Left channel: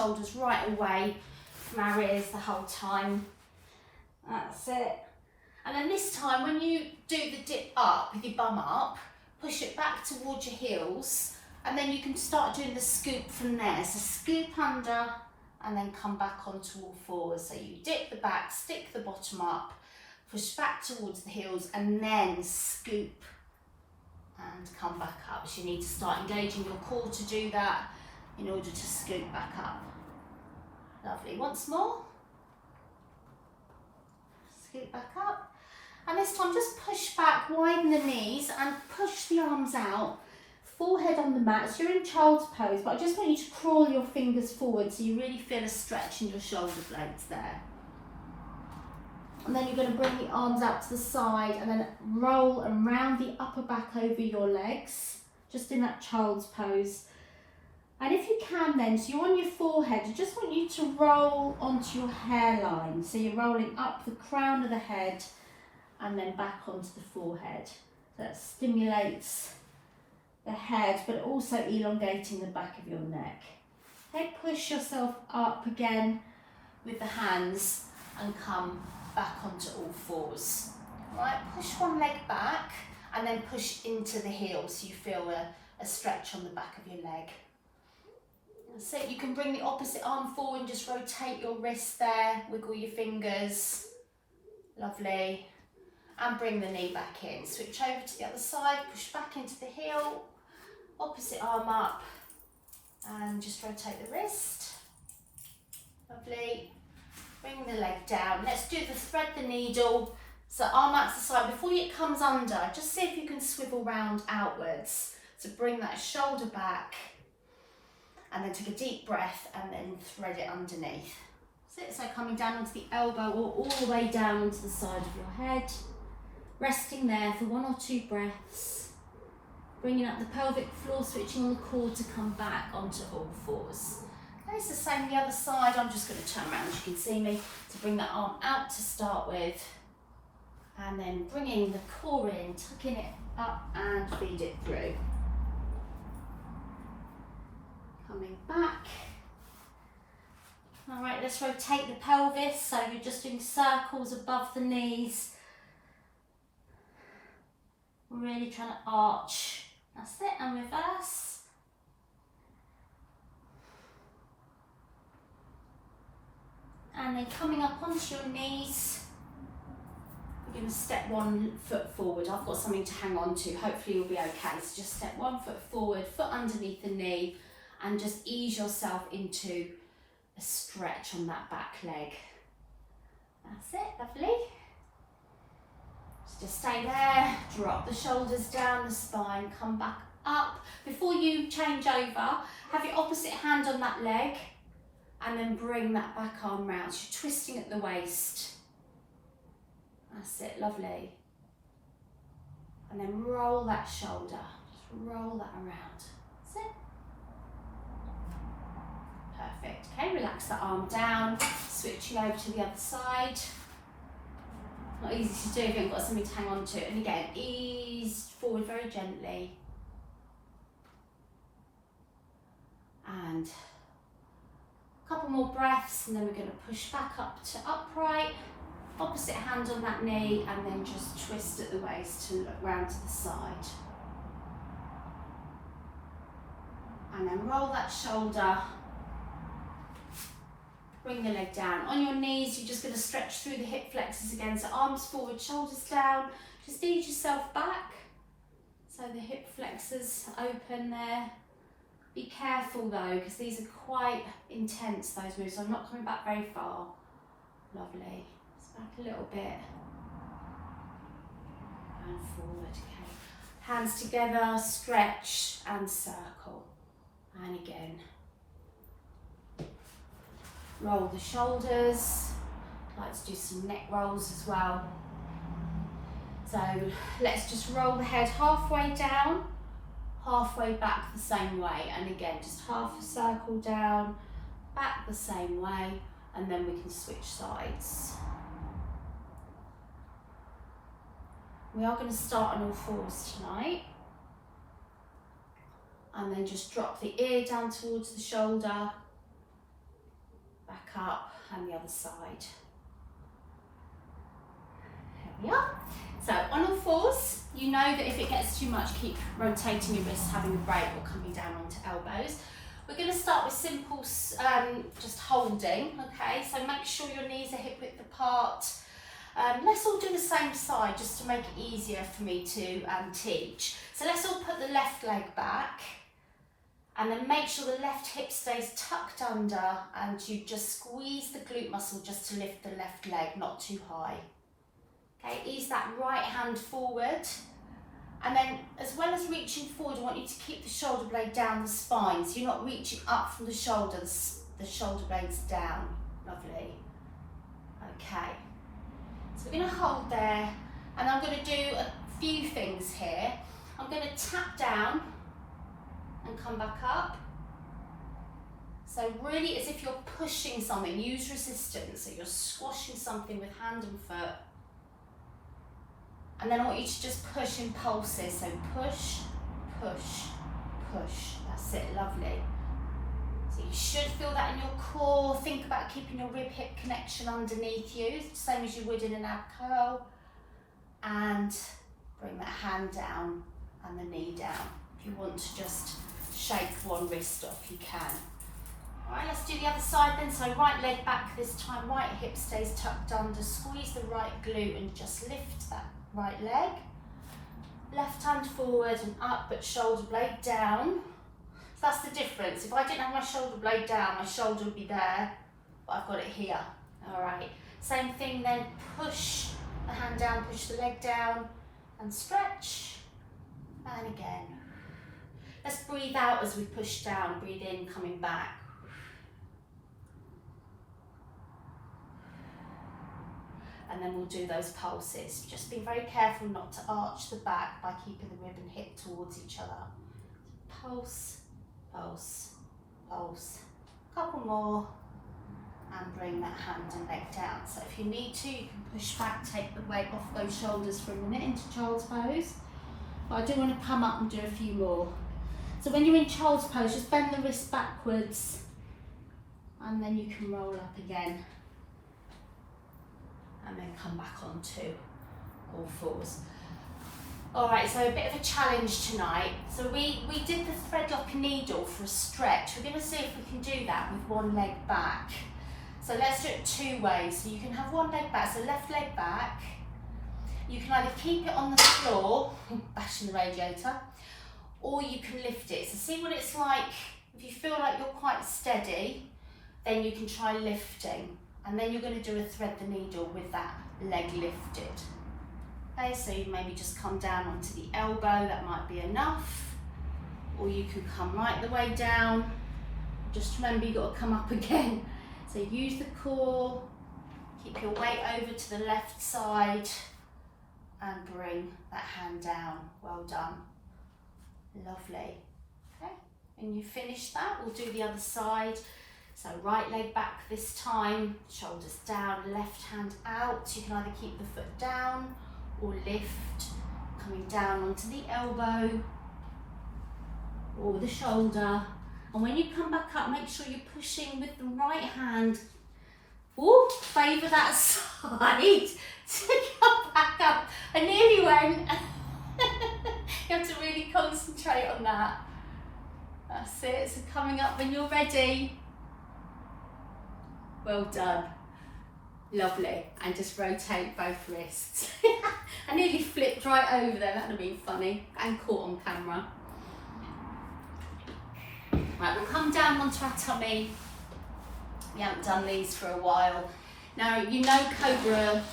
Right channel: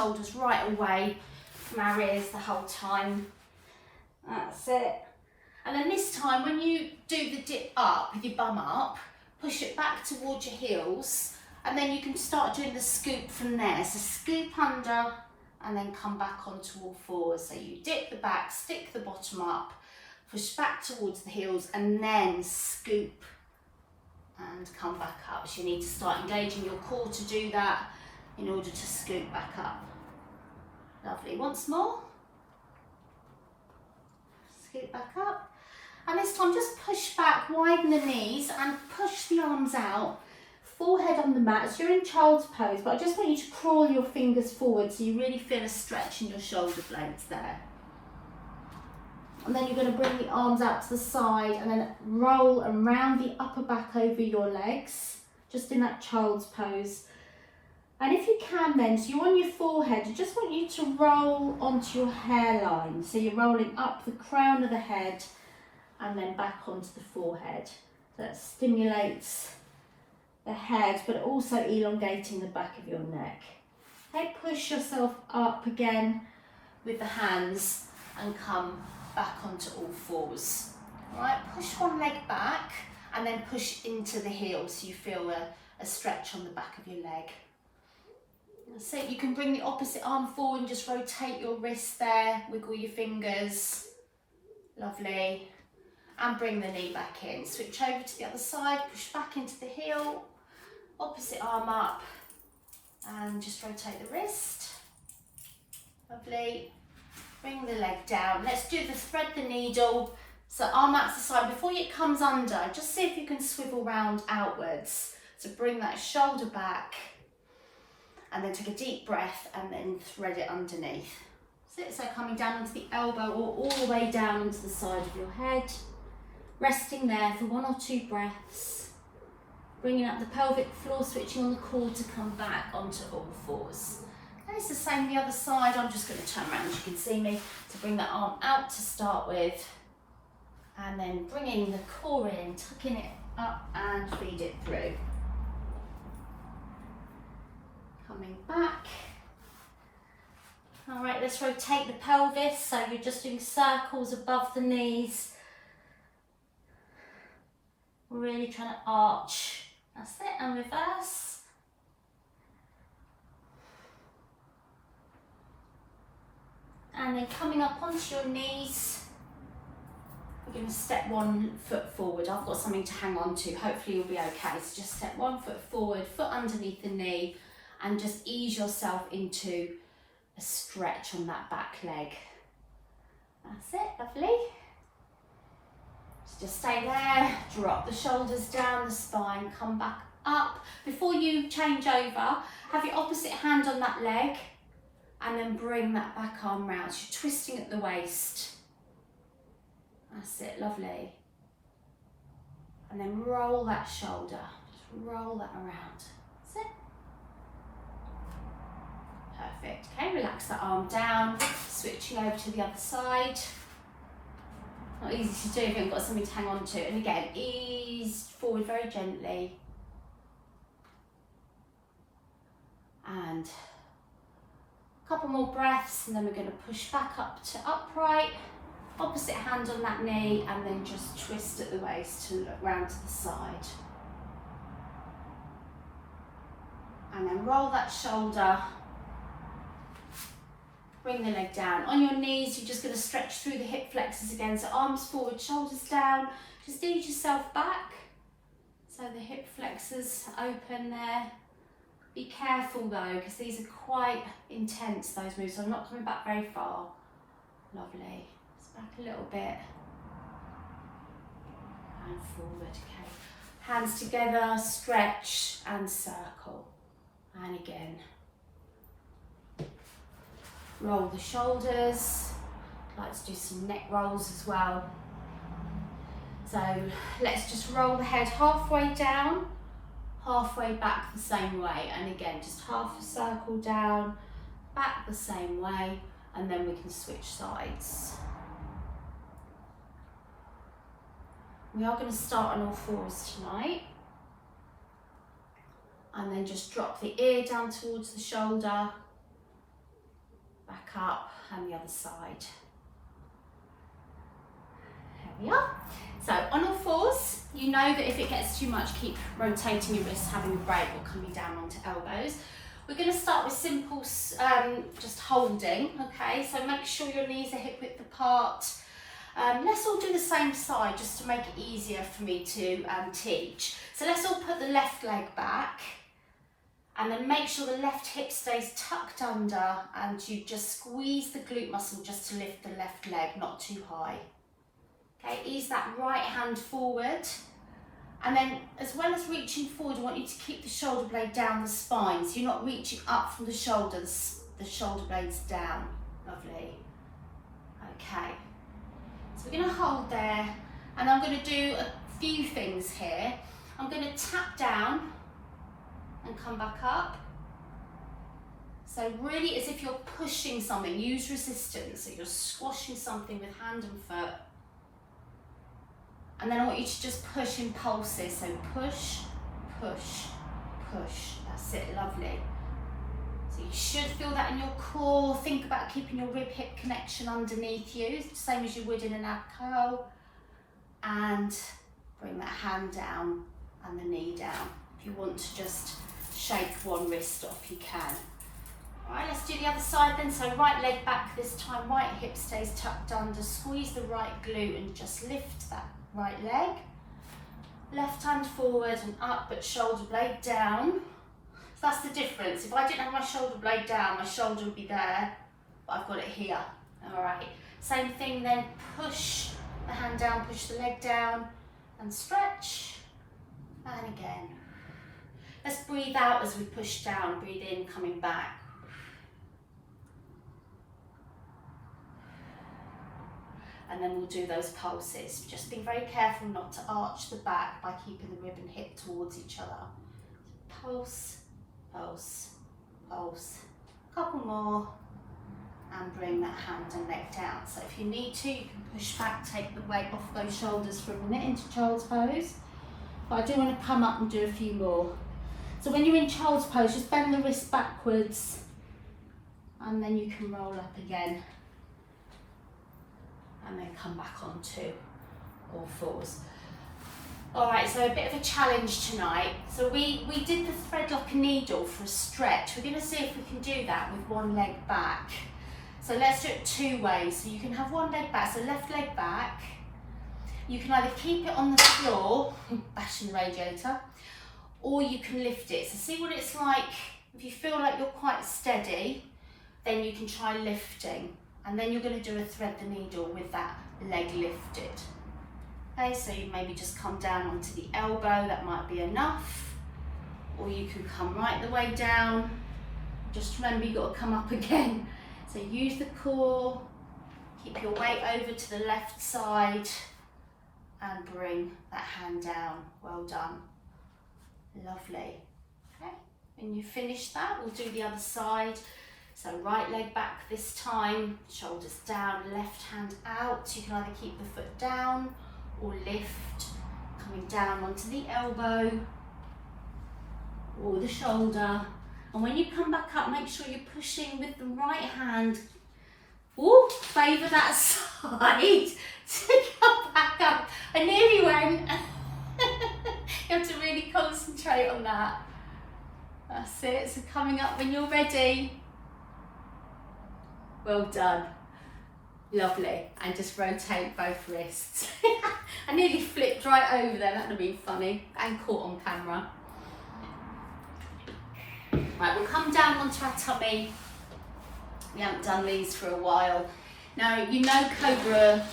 shoulders right away from our ears the whole time. That's it. And then this time, when you do the dip up with your bum up, push it back towards your heels, and then you can start doing the scoop from there. So scoop under and then come back onto all fours. So you dip the back, stick the bottom up, push back towards the heels, and then scoop and come back up. So you need to start engaging your core to do that in order to scoop back up. Lovely. Once more. Scoop back up. And this time just push back, widen the knees and push the arms out. Forehead on the mat. So you're in child's pose, but I just want you to crawl your fingers forward so you really feel a stretch in your shoulder blades there. And then you're going to bring the arms out to the side and then roll and round the upper back over your legs, just in that child's pose. And if you can then, so you're on your forehead, I just want you to roll onto your hairline. So you're rolling up the crown of the head and then back onto the forehead. So that stimulates the head, but also elongating the back of your neck. Okay, push yourself up again with the hands and come back onto all fours. All right, push one leg back and then push into the heel so you feel a stretch on the back of your leg. That's it. You can bring the opposite arm forward and just rotate your wrist there, wiggle your fingers. Lovely. And bring the knee back in. Switch over to the other side, push back into the heel, opposite arm up, and just rotate the wrist. Lovely. Bring the leg down. Let's do the thread the needle. So arm out to the side. Before it comes under, just see if you can swivel round outwards. So bring that shoulder back and then take a deep breath and then thread it underneath. So coming down onto the elbow or all the way down onto the side of your head. Resting there for 1 or 2 breaths. Bringing up the pelvic floor, switching on the core to come back onto all fours. Okay, it's the same the other side. I'm just going to turn around, you can see me, to bring that arm out to start with. And then bringing the core in, tucking it up and feed it through. Coming back. All right, let's rotate the pelvis. So you're just doing circles above the knees. Really trying to arch. That's it, and reverse. And then coming up onto your knees. We're going to step 1 foot forward. I've got something to hang on to. Hopefully you'll be okay. So just step 1 foot forward, foot underneath the knee, and just ease yourself into a stretch on that back leg. That's it, lovely. So just stay there, drop the shoulders down the spine, come back up. Before you change over, have your opposite hand on that leg and then bring that back arm round. So you're twisting at the waist. That's it, lovely. And then roll that shoulder, just roll that around. That's it. Perfect. Okay, relax the arm down, switching over to the other side. Not easy to do if you haven't got something to hang on to. And again, ease forward very gently. And a couple more breaths, and then we're going to push back up to upright. Opposite hand on that knee, and then just twist at the waist to look round to the side. And then roll that shoulder. Bring the leg down. On your knees, you're just going to stretch through the hip flexors again. So arms forward, shoulders down. Just ease yourself back. So the hip flexors open there. Be careful though, because these are quite intense, those moves. So I'm not coming back very far. Lovely. Just back a little bit. And forward, okay. Hands together, stretch and circle. And again. Roll the shoulders. I'd like to do some neck rolls as well. So let's just roll the head halfway down, halfway back the same way. And again, just half a circle down, back the same way, and then we can switch sides. We are going to start on all fours tonight. And then just drop the ear down towards the shoulder. up, and the other side. There we are. So on all fours, you know that if it gets too much, keep rotating your wrists, having a break, or coming down onto elbows. We're going to start with simple, just holding, okay? So make sure your knees are hip width apart. Let's all do the same side just to make it easier for me to teach. So let's all put the left leg back, and then make sure the left hip stays tucked under, and you just squeeze the glute muscle just to lift the left leg, not too high. Okay, ease that right hand forward, and then as well as reaching forward, I want you to keep the shoulder blade down the spine, so you're not reaching up from the shoulder, the shoulder blade's down. Lovely. Okay, so we're going to hold there, and I'm going to do a few things here. I'm going to tap down and come back up. So really as if you're pushing something, use resistance, so you're squashing something with hand and foot. And then I want you to just push in pulses, so push, push, push. That's it, lovely. So you should feel that in your core. Think about keeping your rib-hip connection underneath you, same as you would in an ab curl. And bring that hand down and the knee down. If you want to just shake one wrist off, you can. All right, let's do the other side then. So right leg back this time, right hip stays tucked under, squeeze the right glute and just lift that right leg. Left hand forward and up, but shoulder blade down. So that's the difference. If I didn't have my shoulder blade down, my shoulder would be there, but I've got it here. All right, same thing then, push the hand down, push the leg down and stretch, and again. Let's breathe out as we push down, breathe in, coming back. And then we'll do those pulses. Just be very careful not to arch the back by keeping the rib and hip towards each other. Pulse, pulse, pulse. Couple more, and bring that hand and leg down. So if you need to, you can push back, take the weight off those shoulders for a minute into child's pose. But I do want to come up and do a few more. So when you're in child's pose, just bend the wrist backwards, and then you can roll up again. And then come back onto all fours. All right, so a bit of a challenge tonight. So we did the thread lock needle for a stretch. We're gonna see if we can do that with one leg back. So let's do it two ways. So you can have one leg back, so left leg back. You can either keep it on the floor, bashing the radiator, or you can lift it. So see what it's like. If you feel like you're quite steady, then you can try lifting. And then you're going to do a thread the needle with that leg lifted. Okay, so you maybe just come down onto the elbow, that might be enough. Or you can come right the way down. Just remember you've got to come up again. So use the core, keep your weight over to the left side, and bring that hand down. Well done. Lovely. Okay, when you finish that, we'll do the other side. So right leg back this time, shoulders down, left hand out. So you can either keep the foot down or lift, coming down onto the elbow or the shoulder. And when you come back up, make sure you're pushing with the right hand. Oh, favour that side to come back up. I nearly went. You have to really concentrate on that. That's it. So coming up when you're ready. Well done. Lovely. And just rotate both wrists. I nearly flipped right over there. That would have been funny and caught on camera. Right, we'll come down onto our tummy. We haven't done these for a while. Now, you know Cobra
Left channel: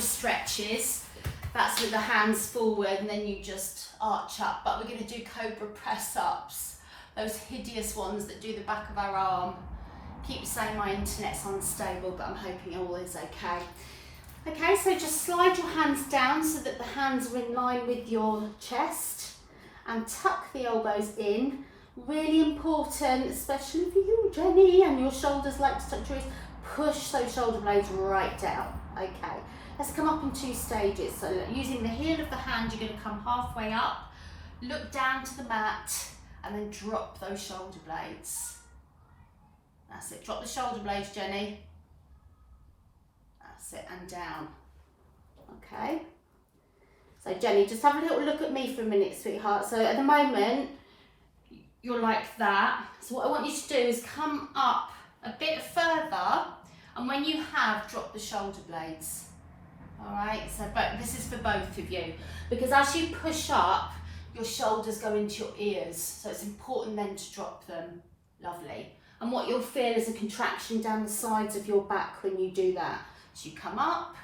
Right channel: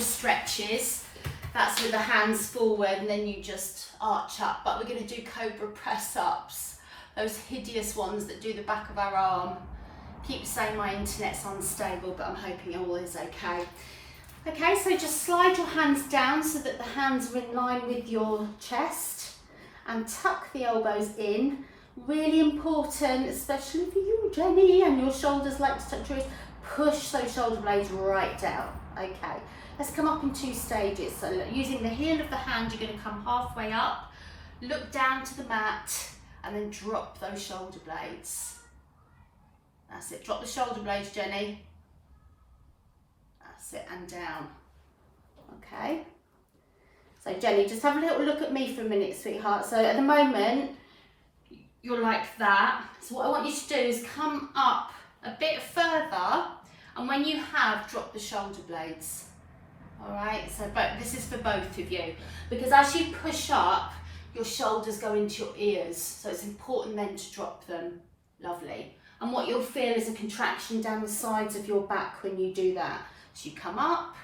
stretches. That's with the hands forward and then you just arch up. But we're going to do Cobra Press-Ups. Those hideous ones that do the back of our arm. Keep saying my internet's unstable, but I'm hoping all is okay. Okay, so just slide your hands down so that the hands are in line with your chest and tuck the elbows in. Really important, especially for you, Jenny, and your shoulders like to touch your wrist. Push those shoulder blades right down. Okay, let's come up in two stages. So look, using the heel of the hand, you're going to come halfway up, look down to the mat, and then drop those shoulder blades. That's it. Drop the shoulder blades, Jenny. That's it, and down. Okay. So Jenny, just have a little look at me for a minute, sweetheart. So at the moment, you're like that. So what I want you to do is come up a bit further, and when you have, drop the shoulder blades. All right, so but this is for both of you, because as you push up, your shoulders go into your ears, so it's important then to drop them. Lovely. And what you'll feel is a contraction down the sides of your back when you do that. So you come up,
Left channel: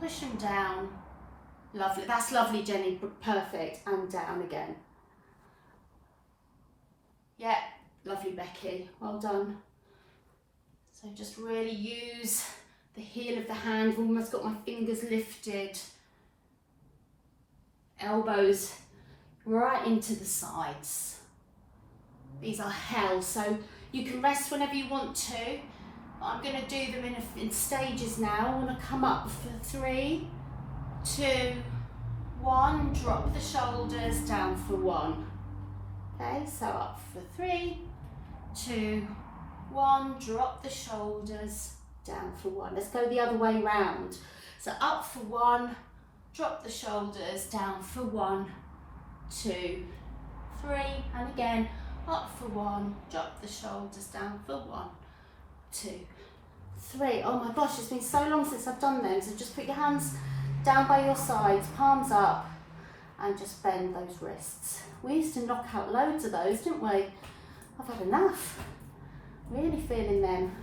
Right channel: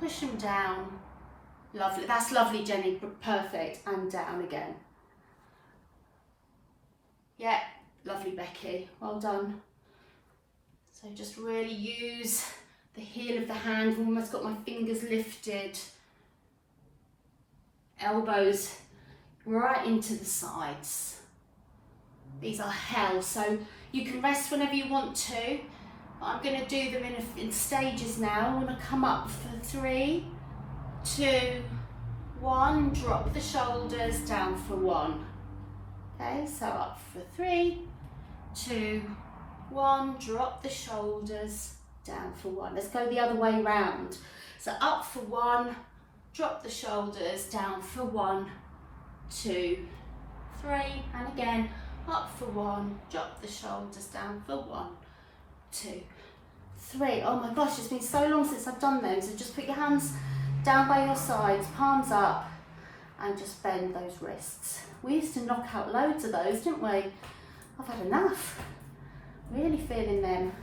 push them down. Lovely, that's lovely, Jenny, perfect, and down again. Yeah, lovely, Becky, well done. So just really use the heel of the hand. I've almost got my fingers lifted. Elbows right into the sides. These are hell, so you can rest whenever you want to. But I'm going to do them in stages now. I want to come up for 3, 2, 1. Drop the shoulders, down for 1. Okay, so up for 3, 2, 1. Drop the shoulders, down for 1. Let's go the other way round. So up for 1, drop the shoulders, down for 1, 2, 3, and again up for 1, drop the shoulders, down for 1, 2, 3. Oh my gosh, it's been so long since I've done them. So just put your hands down by your sides, palms up, and just bend those wrists. We used to knock out loads of those, didn't we? I've had enough. Really feeling them.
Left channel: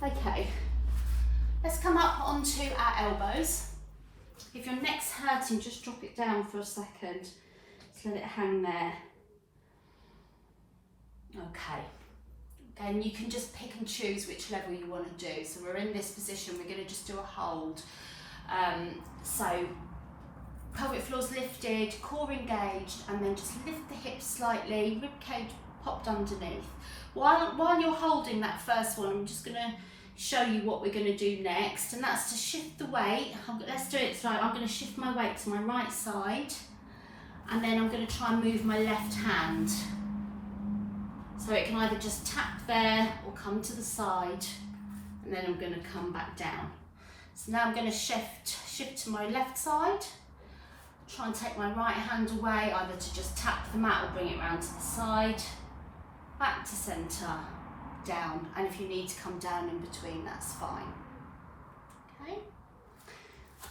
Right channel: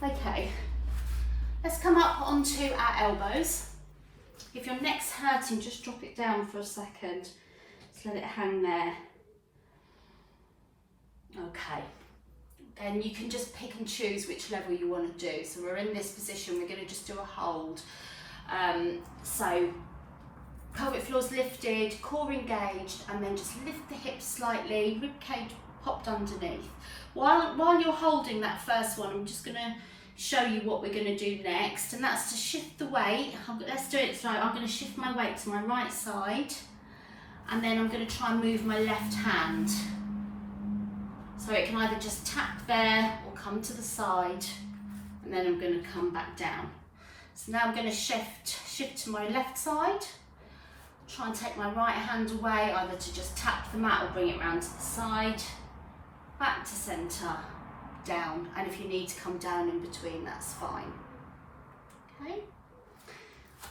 Okay, let's come up onto our elbows. If your neck's hurting, just drop it down for a second. Just let it hang there. Okay, and you can just pick and choose which level you want to do. So we're in this position, we're going to just do a hold. So pelvic floor's lifted, core engaged, and then just lift the hips slightly, ribcage popped underneath. While you're holding that first one, I'm just going to show you what we're going to do next, and that's to shift the weight. Let's do it slow. I'm going to shift my weight to my right side, and then I'm going to try and move my left hand. So it can either just tap there or come to the side, and then I'm going to come back down. So now I'm going to shift to my left side. Try and take my right hand away, either to just tap the mat or bring it round to the side. Back to centre, down, and if you need to come down in between, that's fine. Okay.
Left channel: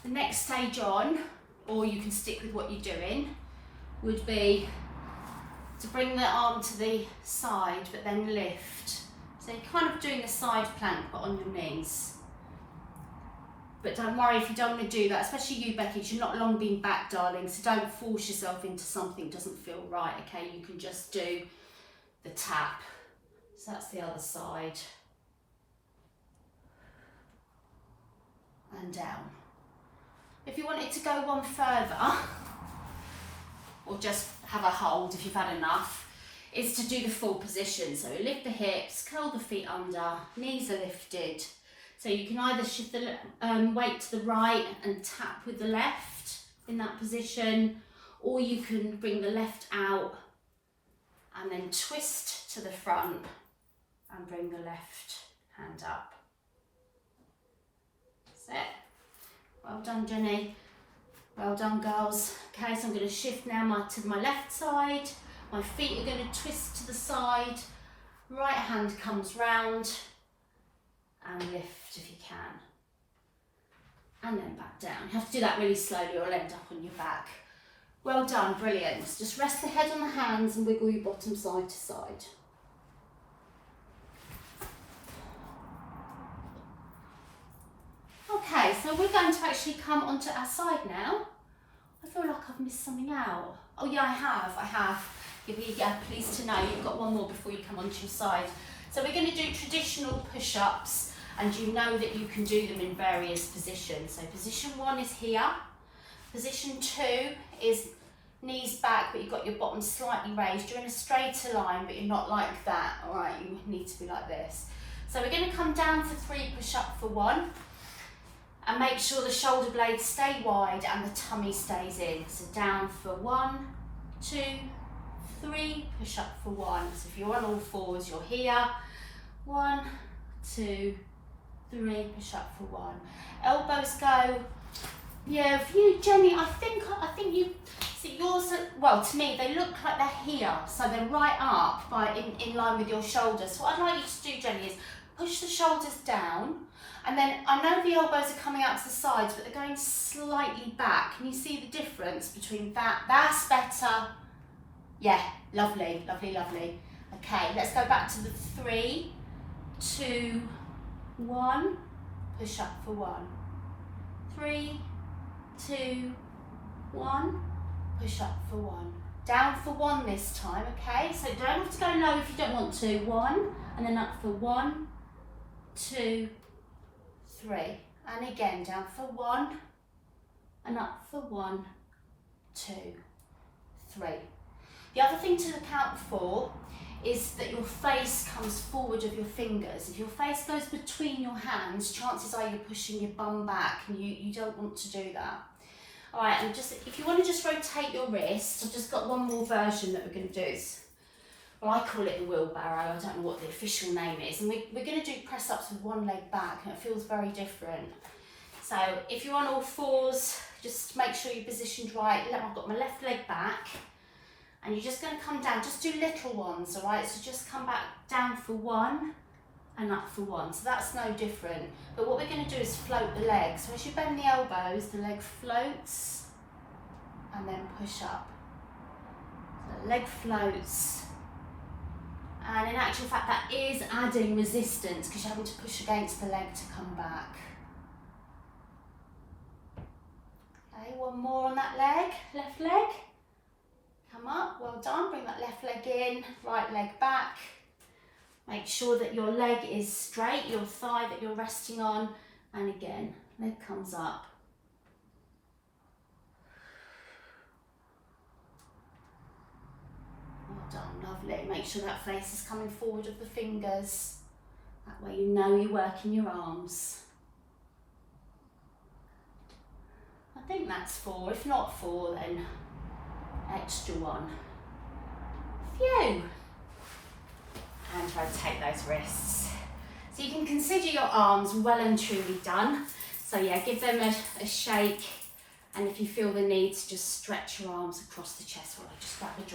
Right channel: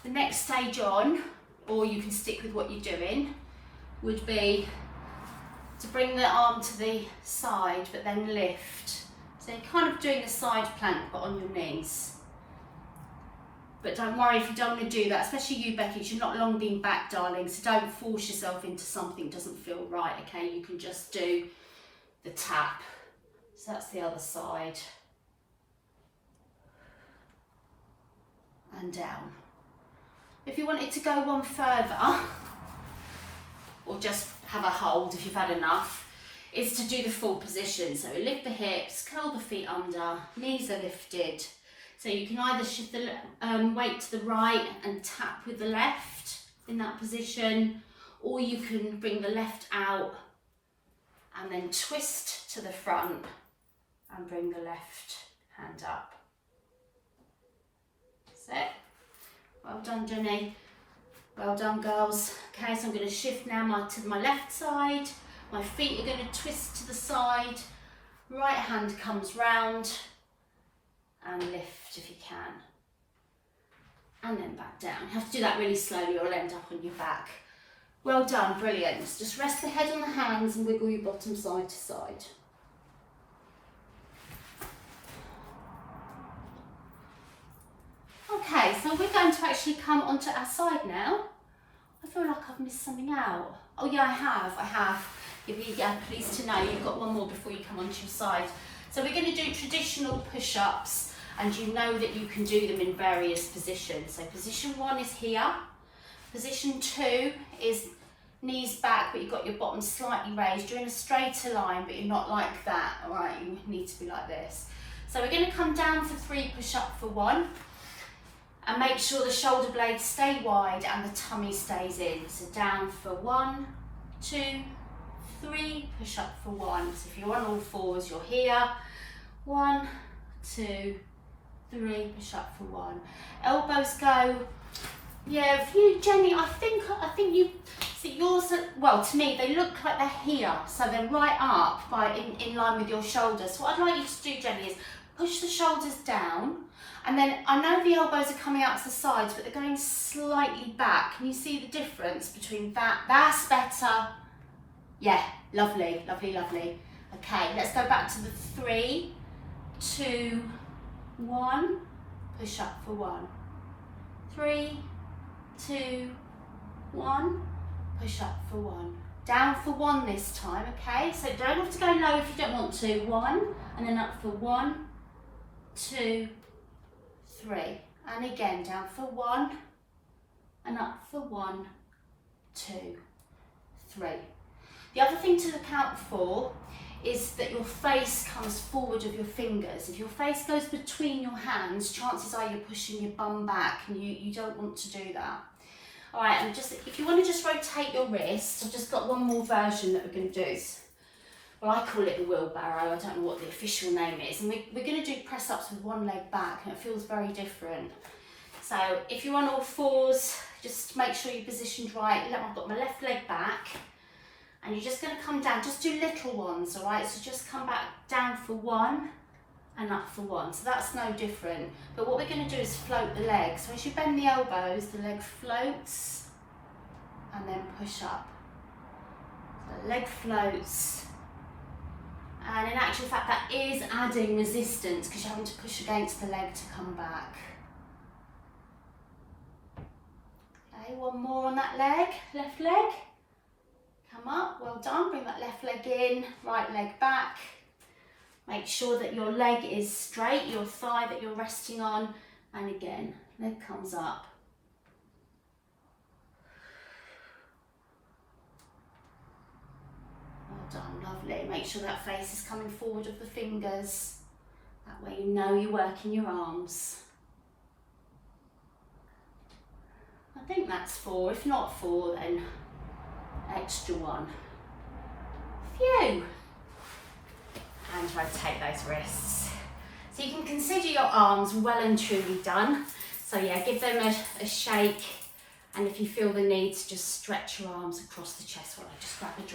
The next stage on, or you can stick with what you're doing, would be to bring the arm to the side, but then lift. So you're kind of doing a side plank, but on your knees. But don't worry if you don't want to do that, especially you, Becky, because you're not long been back, darling, so don't force yourself into something that doesn't feel right, okay? You can just do the tap. So that's the other side. And down. If you wanted to go one further, or just have a hold if you've had enough, is to do the full position. So lift the hips, curl the feet under, knees are lifted. So you can either shift the weight to the right and tap with the left in that position, or you can bring the left out and then twist to the front and bring the left hand up. That's it. Well done, Jenny. Well done, girls. Okay, so I'm going to shift now to my left side. My feet are going to twist to the side. Right hand comes round and lift if you can. And then back down. You have to do that really slowly or you'll end up on your back. Well done, brilliant. Just rest the head on the hands and wiggle your bottom side to side. Okay, so we're going to actually come onto our side now. I feel like I've missed something out. Oh yeah, I have. You'll be pleased to know you've got one more before you come onto your side. So we're going to do traditional push-ups, and you know that you can do them in various positions. So position 1 is here. Position 2 is knees back, but you've got your bottom slightly raised. You're in a straighter line, but you're not like that. All right, you need to be like this. So we're going to come down for 3, push up for 1. And make sure the shoulder blades stay wide and the tummy stays in. So down for 1, 2, 3, push up for 1. So if you're on all fours, you're here. 1, 2, 3, push up for 1. Elbows go, yeah, if you, Jenny, I think you, see yours, well, to me, they look like they're here, so they're right up in line with your shoulders. So what I'd like you to do, Jenny, is push the shoulders down, and then I know the elbows are coming out to the sides, but they're going slightly back. Can you see the difference between that? That's better. Yeah, lovely, lovely, lovely. Okay, let's go back to the 3, 2, 1, push up for 1. 3, 2, 1, push up for 1. Down for 1 this time, okay? So don't have to go low if you don't want to. 1, and then up for 1, 2, 3. And again, down for 1, and up for 1, 2, 3. The other thing to look out for is that your face comes forward of your fingers. If your face goes between your hands, chances are you're pushing your bum back, and you don't want to do that. All right, and just if you want to just rotate your wrists, I've just got one more version that we're going to do. Well, I call it the wheelbarrow. I don't know what the official name is. And we're going to do press-ups with one leg back, and it feels very different. So if you're on all fours, just make sure you're positioned right. I've got my left leg back. And you're just going to come down, just do little ones, all right? So just come back down for 1 and up for 1. So that's no different. But what we're going to do is float the legs. So as you bend the elbows, the leg floats and then push up. So the leg floats. And in actual fact, that is adding resistance because you're having to push against the leg to come back. Okay, one more on that leg, left leg. Come up, well done, bring that left leg in, right leg back. Make sure that your leg is straight, your thigh that you're resting on, and again, leg comes up. Well done, lovely. Make sure that face is coming forward of the fingers. That way you know you're working your arms. I think that's 4, if not 4 then extra 1. Phew! And rotate those wrists. So you can consider your arms well and truly done. So yeah, give them a shake, and if you feel the need to just stretch your arms across the chest while I just grab a drink.